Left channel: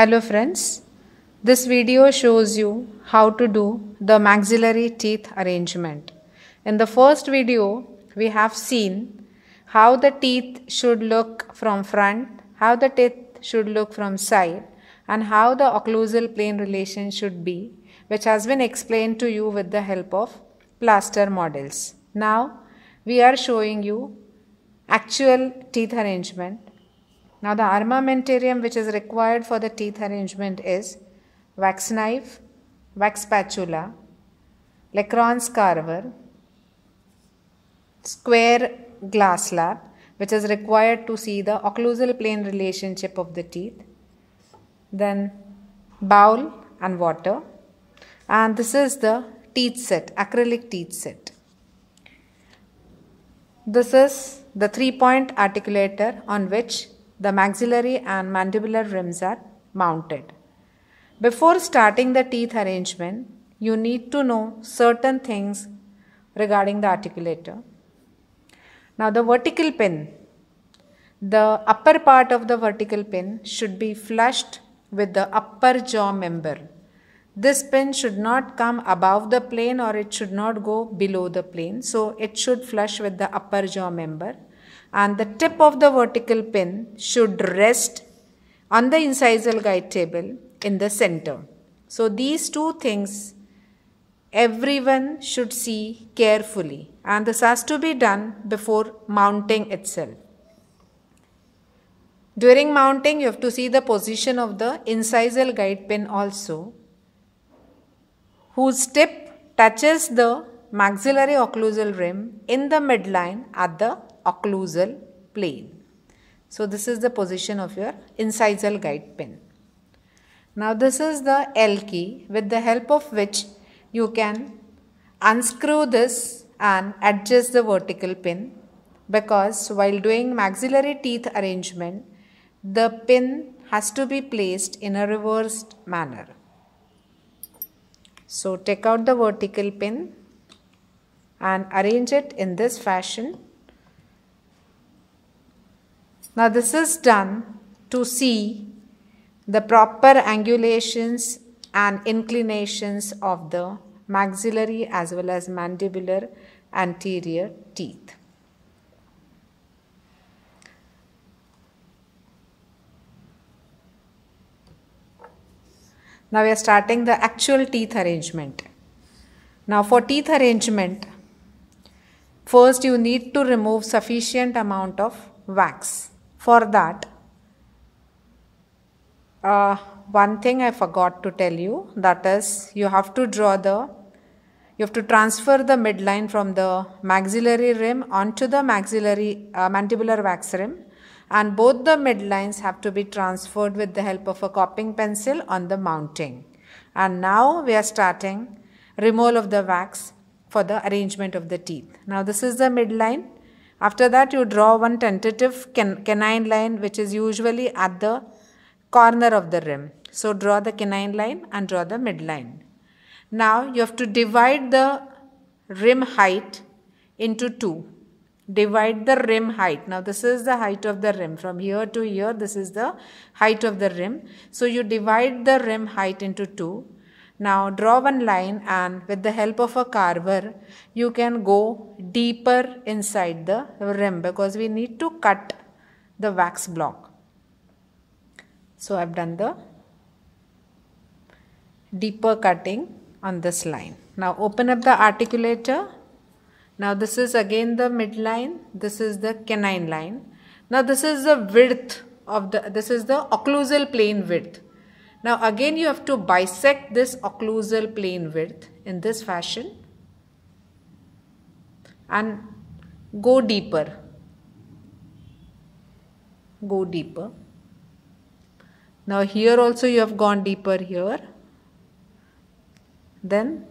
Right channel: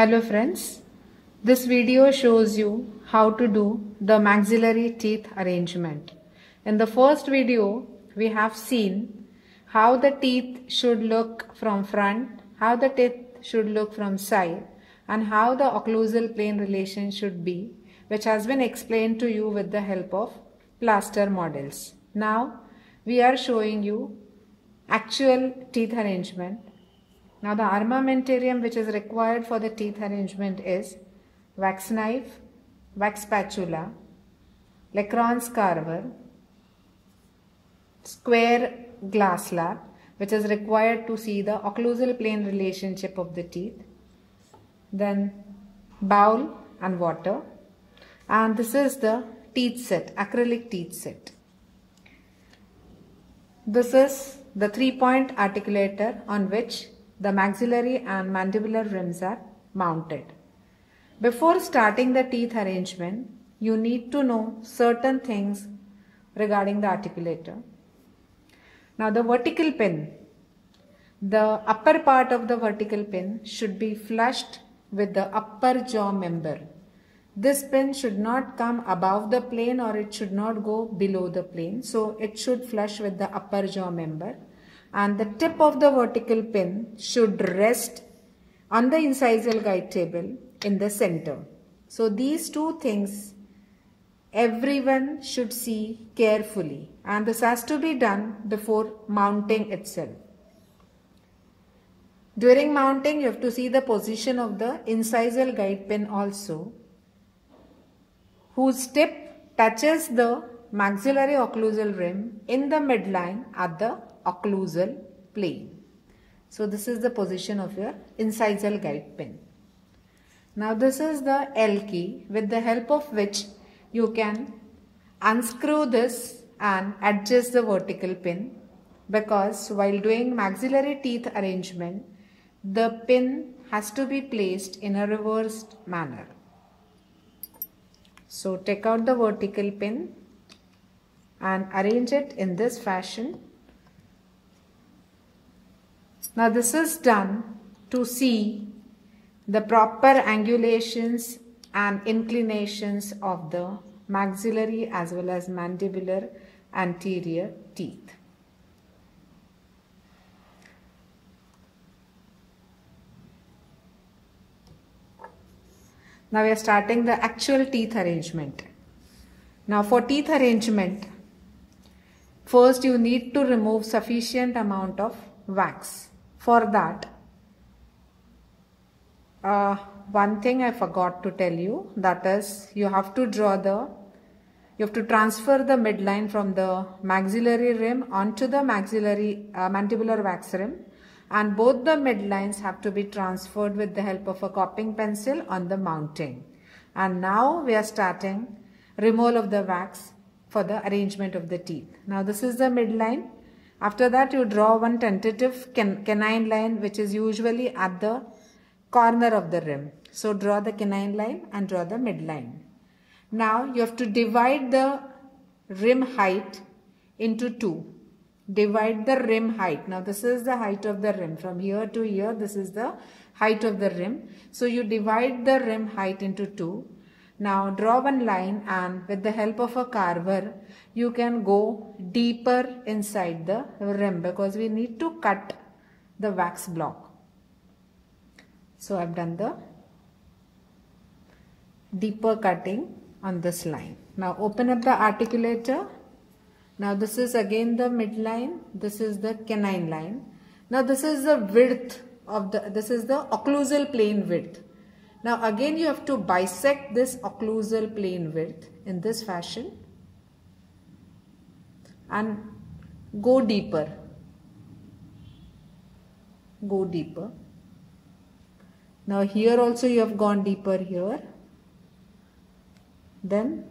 Hello friends, this video shows you how to do the maxillary teeth arrangement. In the first video, we have seen how the teeth should look from front, how the teeth should look from side, and how the occlusal plane relation should be, which has been explained to you with the help of plaster models. Now, we are showing you actual teeth arrangement. Now the armamentarium which is required for the teeth arrangement is wax knife, wax spatula, Lacron's carver, square glass slab which is required to see the occlusal plane relationship of the teeth, then bowl and water, and this is the teeth set, acrylic teeth set. This is the 3-point articulator on which the maxillary and mandibular rims are mounted. Before starting the teeth arrangement, you need to know certain things regarding the articulator. Now the vertical pin, the upper part of the vertical pin should be flushed with the upper jaw member. This pin should not come above the plane or it should not go below the plane. So it should flush with the upper jaw member. And the tip of the vertical pin should rest on the incisal guide table in the center. So these two things everyone should see carefully, and this has to be done before mounting itself. During mounting, you have to see the position of the incisal guide pin also, whose tip touches the maxillary occlusal rim in the midline at the occlusal plane. So this is the position of your incisal guide pin. Now this is the L key with the help of which you can unscrew this and adjust the vertical pin, because while doing maxillary teeth arrangement, the pin has to be placed in a reversed manner. So take out the vertical pin and arrange it in this fashion. Now this is done to see the proper angulations and inclinations of the maxillary as well as mandibular anterior teeth. Now we are starting the actual teeth arrangement. Now for teeth arrangement, first you need to remove sufficient amount of wax. For that, one thing I forgot to tell you, that is you have to transfer the midline from the maxillary rim onto the mandibular wax rim, and both the midlines have to be transferred with the help of a copying pencil on the mounting. And now we are starting removal of the wax for the arrangement of the teeth. Now this is the midline. After that, you draw one tentative canine line which is usually at the corner of the rim. So draw the canine line and draw the midline. Now you have to divide the rim height into two. Divide the rim height. Now this is the height of the rim. From here to here, this is the height of the rim. So you divide the rim height into two. Now draw one line, and with the help of a carver, you can go deeper inside the rim, because we need to cut the wax block. So I have done the deeper cutting on this line. Now open up the articulator. Now this is again the midline. This is the canine line. Now this is the width of this is the occlusal plane width. Now again you have to bisect this occlusal plane width in this fashion and go deeper. Go deeper. Now here also you have gone deeper here. Then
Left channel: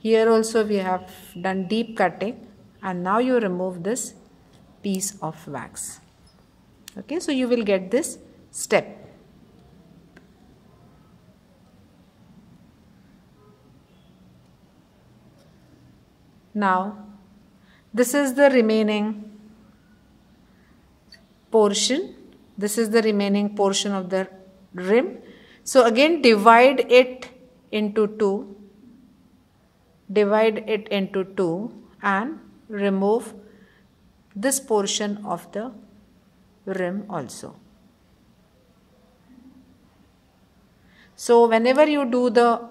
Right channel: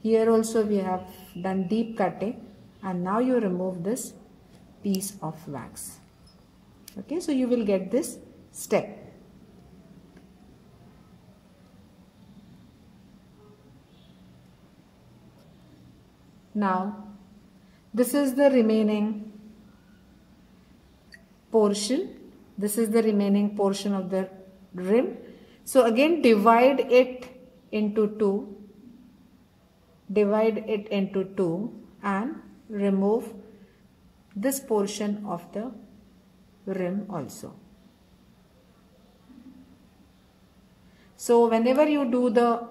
here also we have done deep cutting, and now you remove this piece of wax. Okay, so you will get this step. Now this is the remaining portion. This is the remaining portion of the rim. So again divide it into two. Divide it into two and remove this portion of the rim also. So whenever you do the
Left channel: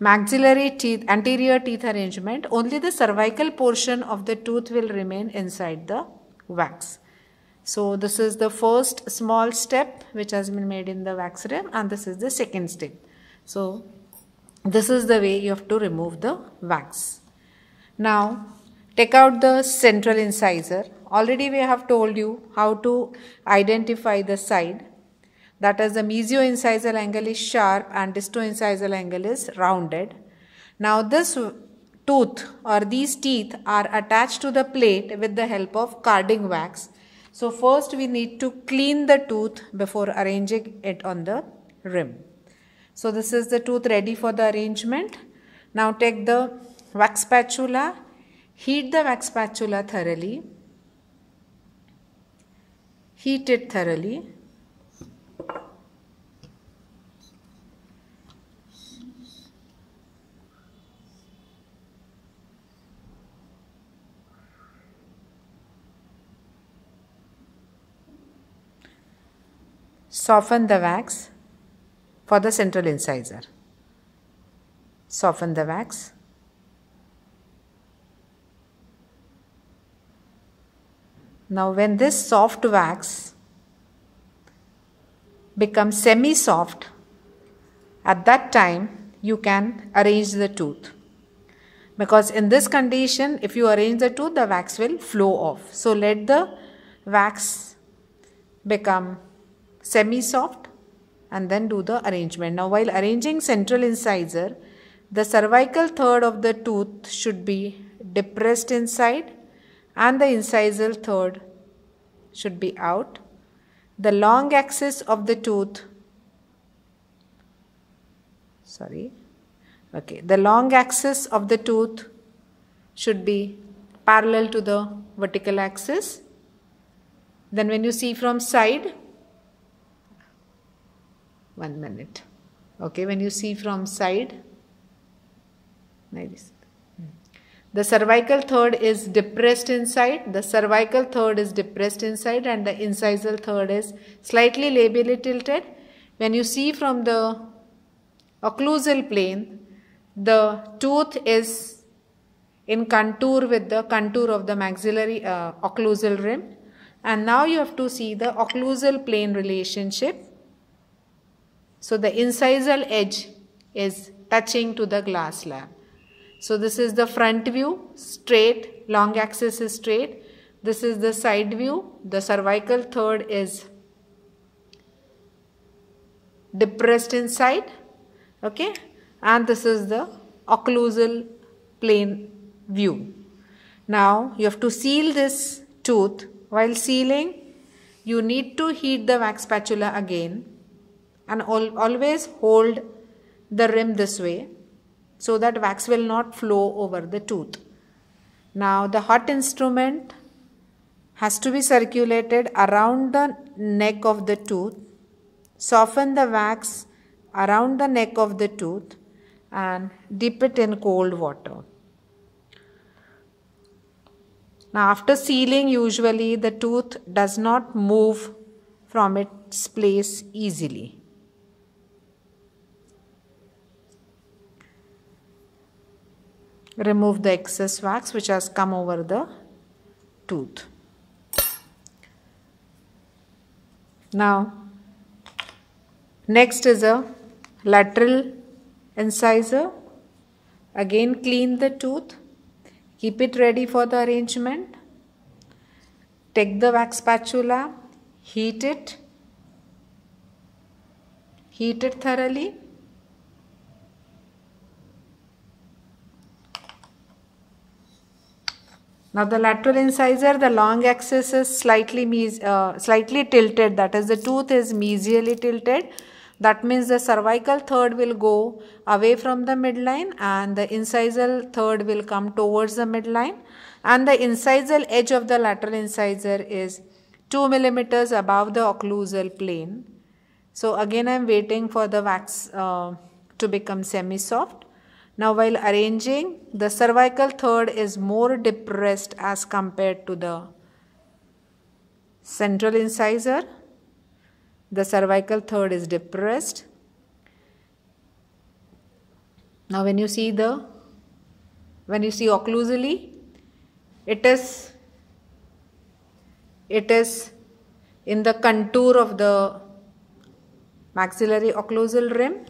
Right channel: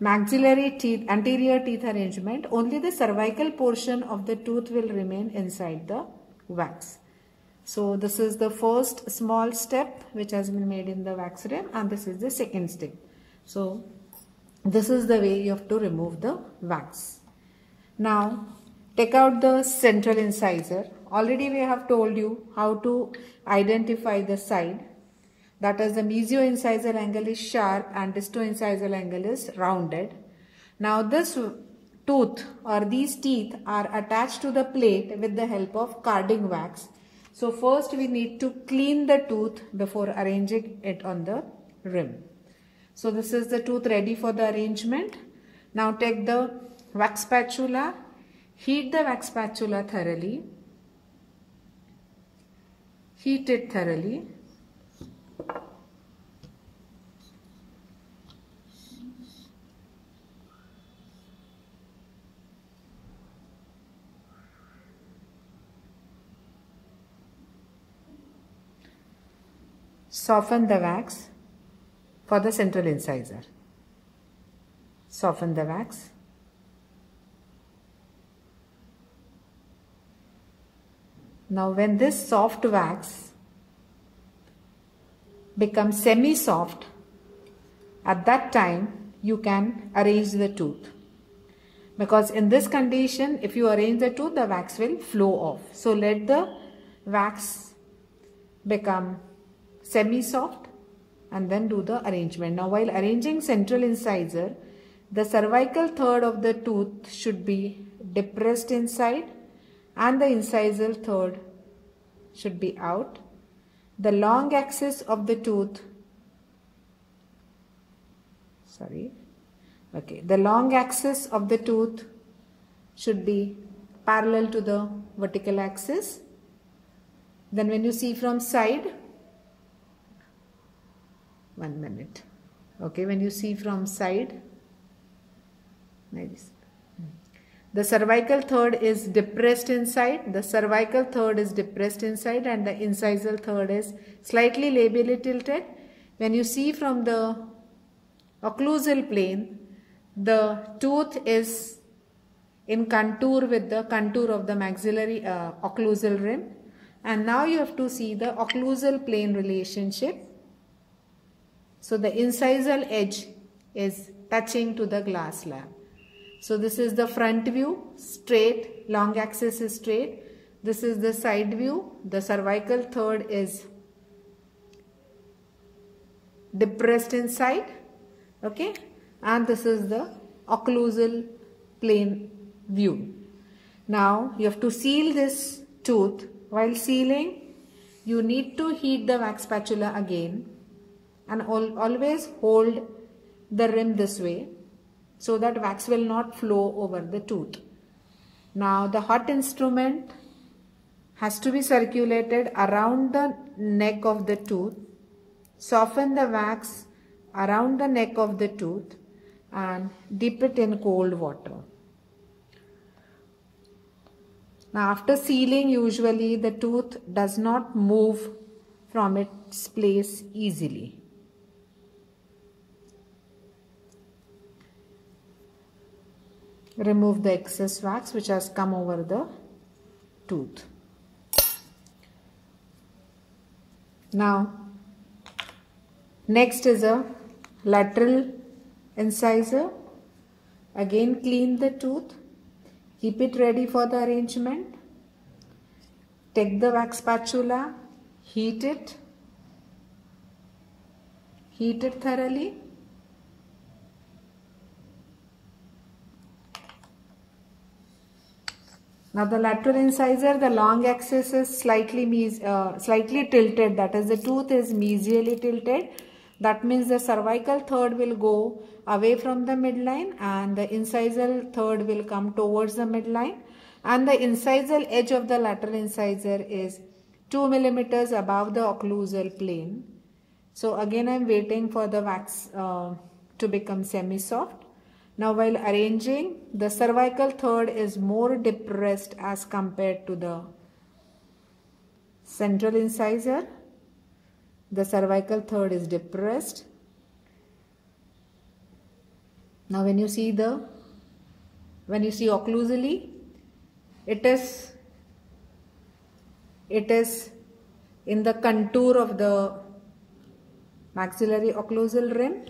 maxillary teeth, anterior teeth arrangement, only the cervical portion of the tooth will remain inside the wax. So this is the first small step which has been made in the wax rim, and this is the second step. So this is the way you have to remove the wax. Now take out the central incisor. Already we have told you how to identify the side. That is, the mesio-incisal angle is sharp and disto-incisal angle is rounded. Now this tooth or these teeth are attached to the plate with the help of carding wax. So first we need to clean the tooth before arranging it on the rim. So this is the tooth ready for the arrangement. Now take the wax spatula, heat the wax spatula thoroughly, heat it thoroughly. Soften the wax for the central incisor. Soften the wax. Now when this soft wax becomes semi-soft, at that time you can arrange the tooth. Because in this condition, if you arrange the tooth, the wax will flow off. So let the wax become semi-soft and then do the arrangement. Now while arranging central incisor, the cervical third of the tooth should be depressed inside and the incisal third should be out. The long axis of the tooth, the long axis of the tooth should be parallel to the vertical axis. Then when you see from side, when you see from side, the cervical third is depressed inside, the cervical third is depressed inside and the incisal third is slightly labially tilted. When you see from the occlusal plane, the tooth is in contour with the contour of the maxillary occlusal rim, and now you have to see the occlusal plane relationship. So the incisal edge is touching to the glass slab. So this is the front view, straight, long axis is straight. This is the side view, the cervical third is depressed inside, okay, and this is the occlusal plane view. Now you have to seal this tooth. While sealing, you need to heat the wax spatula again and always hold the rim this way so that wax will not flow over the tooth. Now the hot instrument has to be circulated around the neck of the tooth. Soften the wax around the neck of the tooth and dip it in cold water. Now after sealing, usually the tooth does not move from its place easily. Remove the excess wax which has come over the tooth. Now next is a lateral incisor. Again clean the tooth. Keep it ready for the arrangement. Take the wax spatula, heat it thoroughly. Now the lateral incisor, the long axis is slightly tilted, that is the tooth is mesially tilted. That means the cervical third will go away from the midline and the incisal third will come towards the midline, and the incisal edge of the lateral incisor is 2 mm above the occlusal plane. So again I am waiting for the wax to become semi-soft. Now while arranging, the cervical third is more depressed as compared to the central incisor. The cervical third is depressed. Now when you see occlusally, it is in the contour of the maxillary occlusal rim.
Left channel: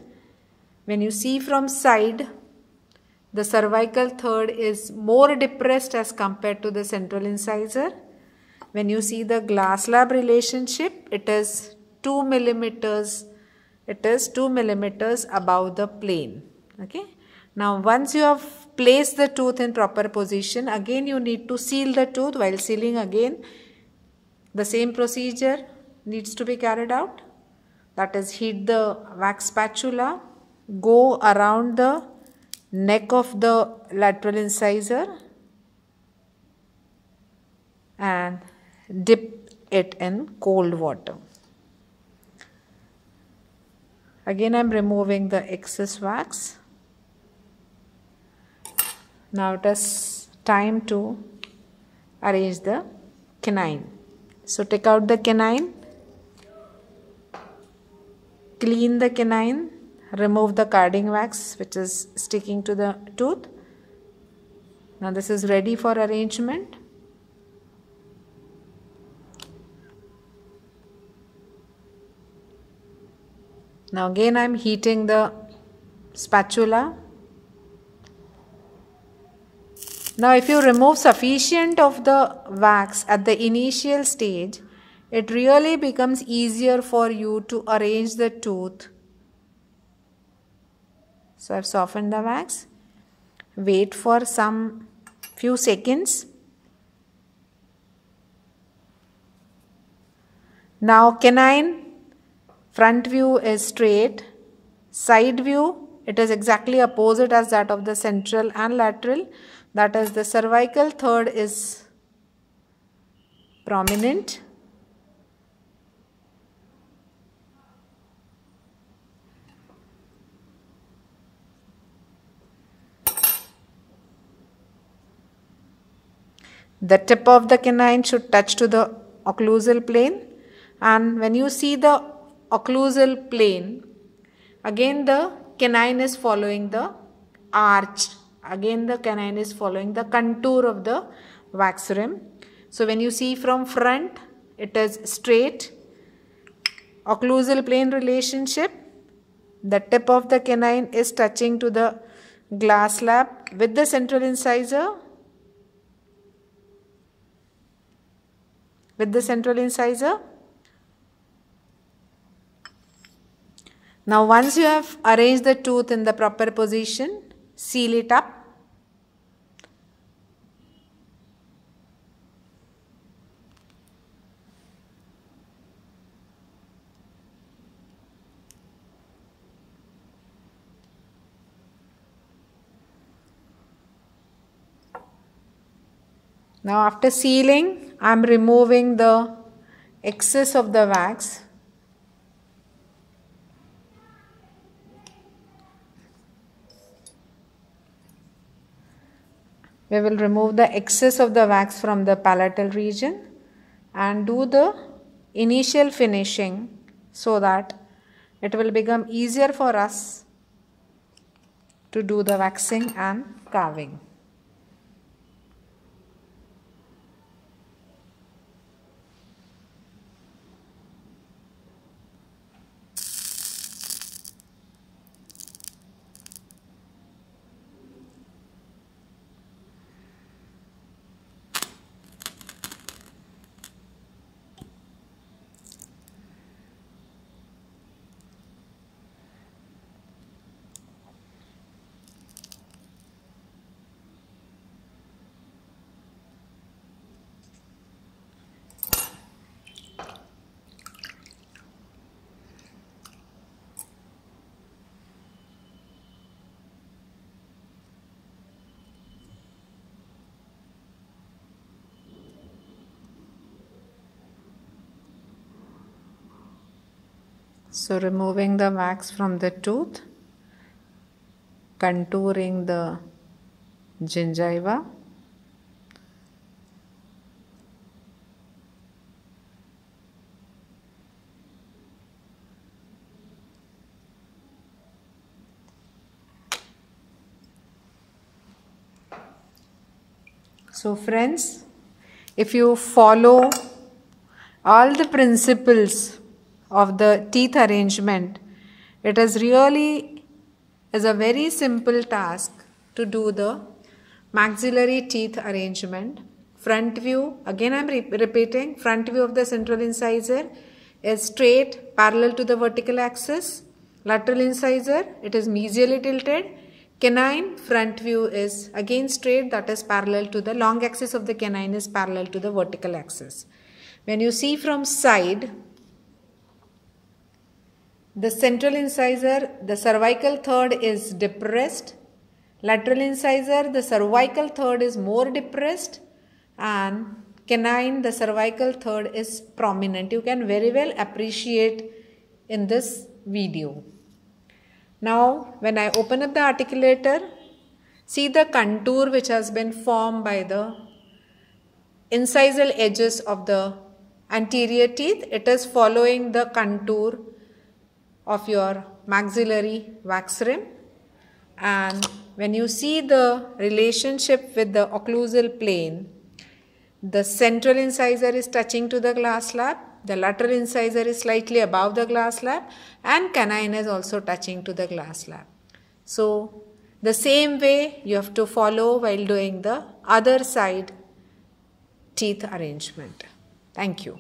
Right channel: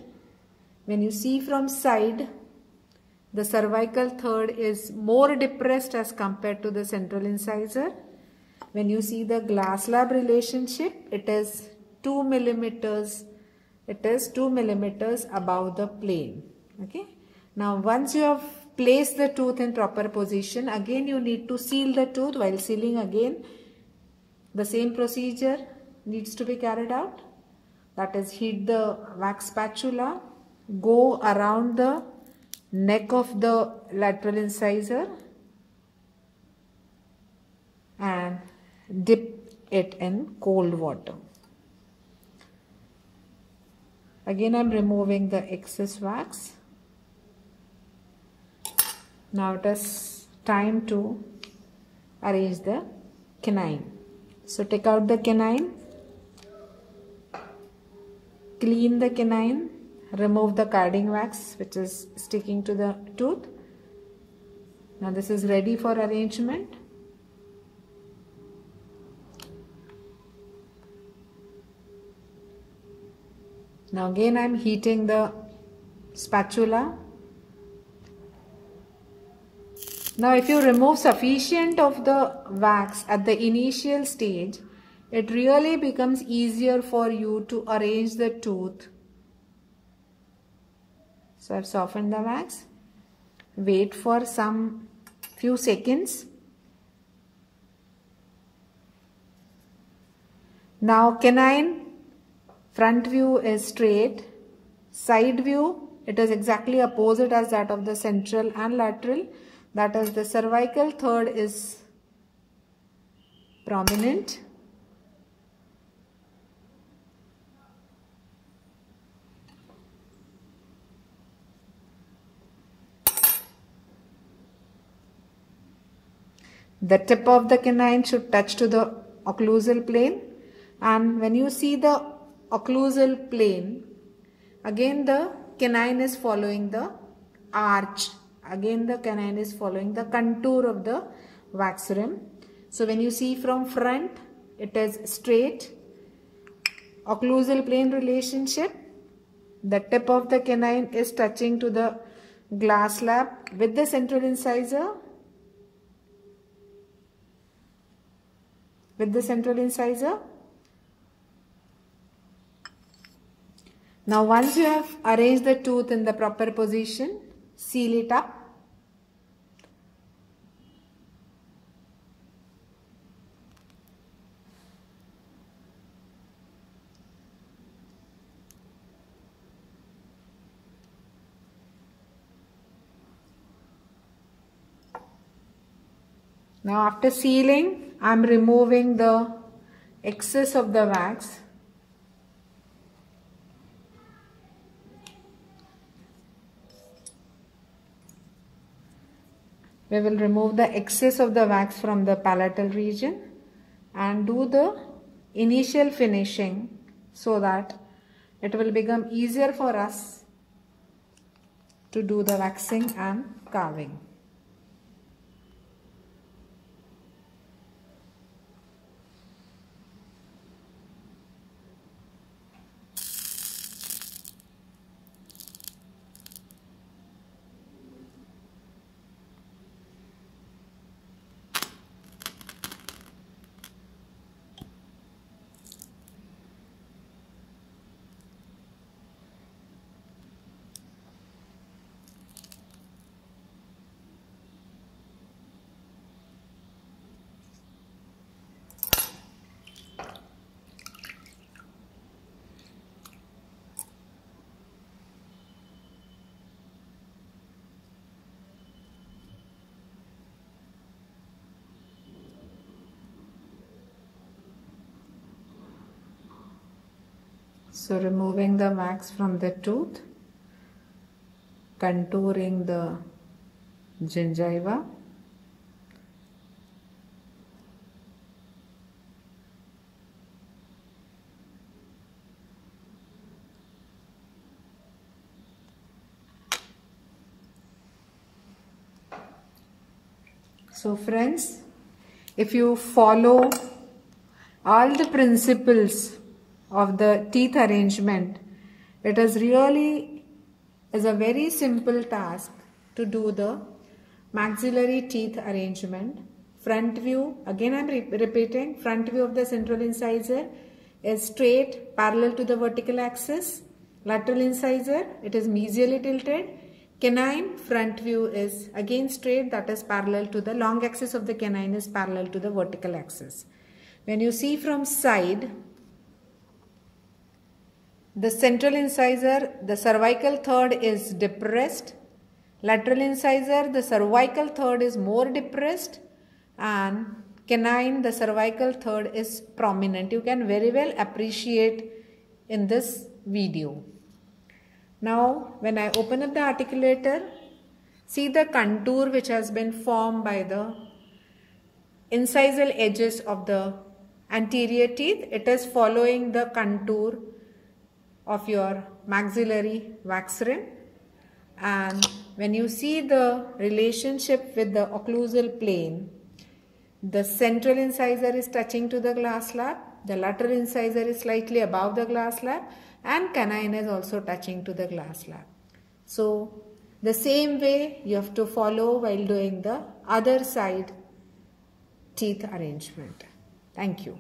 When you see from side, the cervical third is more depressed as compared to the central incisor. When you see the glass slab relationship, it is 2 millimeters. It is 2 millimeters above the plane. Okay. Now once you have placed the tooth in proper position, again you need to seal the tooth. While sealing, again the same procedure needs to be carried out. That is, heat the wax spatula, go around the neck of the lateral incisor and dip it in cold water. Again I am removing the excess wax. Now it is time to arrange the canine. So take out the canine, clean the canine, remove the carding wax which is sticking to the tooth. Now this is ready for arrangement. Now again I am heating the spatula. Now if you remove sufficient of the wax at the initial stage, it really becomes easier for you to arrange the tooth. So I have softened the wax. Wait for some few seconds. Now canine front view is straight. Side view, it is exactly opposite as that of the central and lateral. That is, the cervical third is prominent. The tip of the canine should touch to the occlusal plane, and when you see the occlusal plane, again the canine is following the arch. Again the canine is following the contour of the wax rim. So when you see from front, it is straight. Occlusal plane relationship. The tip of the canine is touching to the glass slab with the central incisor. With the central incisor. Now once you have arranged the tooth in the proper position, seal it up. Now after sealing, I am removing the excess of the wax. We will remove the excess of the wax from the palatal region and do the initial finishing so that it will become easier for us to do the waxing and carving. So removing the wax from the tooth, contouring the gingiva, so friends, if you follow all the principles of the teeth arrangement, it is a very simple task to do the maxillary teeth arrangement. Front view, again I am repeating, front view of the central incisor is straight parallel to the vertical axis. Lateral incisor, it is mesially tilted. Canine front view is again straight, that is parallel to the long axis of the canine is parallel to the vertical axis. When you see from side, the central incisor, the cervical third is depressed. Lateral incisor, the cervical third is more depressed, and canine, the cervical third is prominent. You can very well appreciate in this video. Now, when I open up the articulator, see the contour which has been formed by the incisal edges of the anterior teeth. It is following the contour of your maxillary wax rim. And when you see the relationship with the occlusal plane, the central incisor is touching to the glass slab, the lateral incisor is slightly above the glass slab, and canine is also touching to the glass slab. So the same way you have to follow while doing the other side teeth arrangement. Thank you.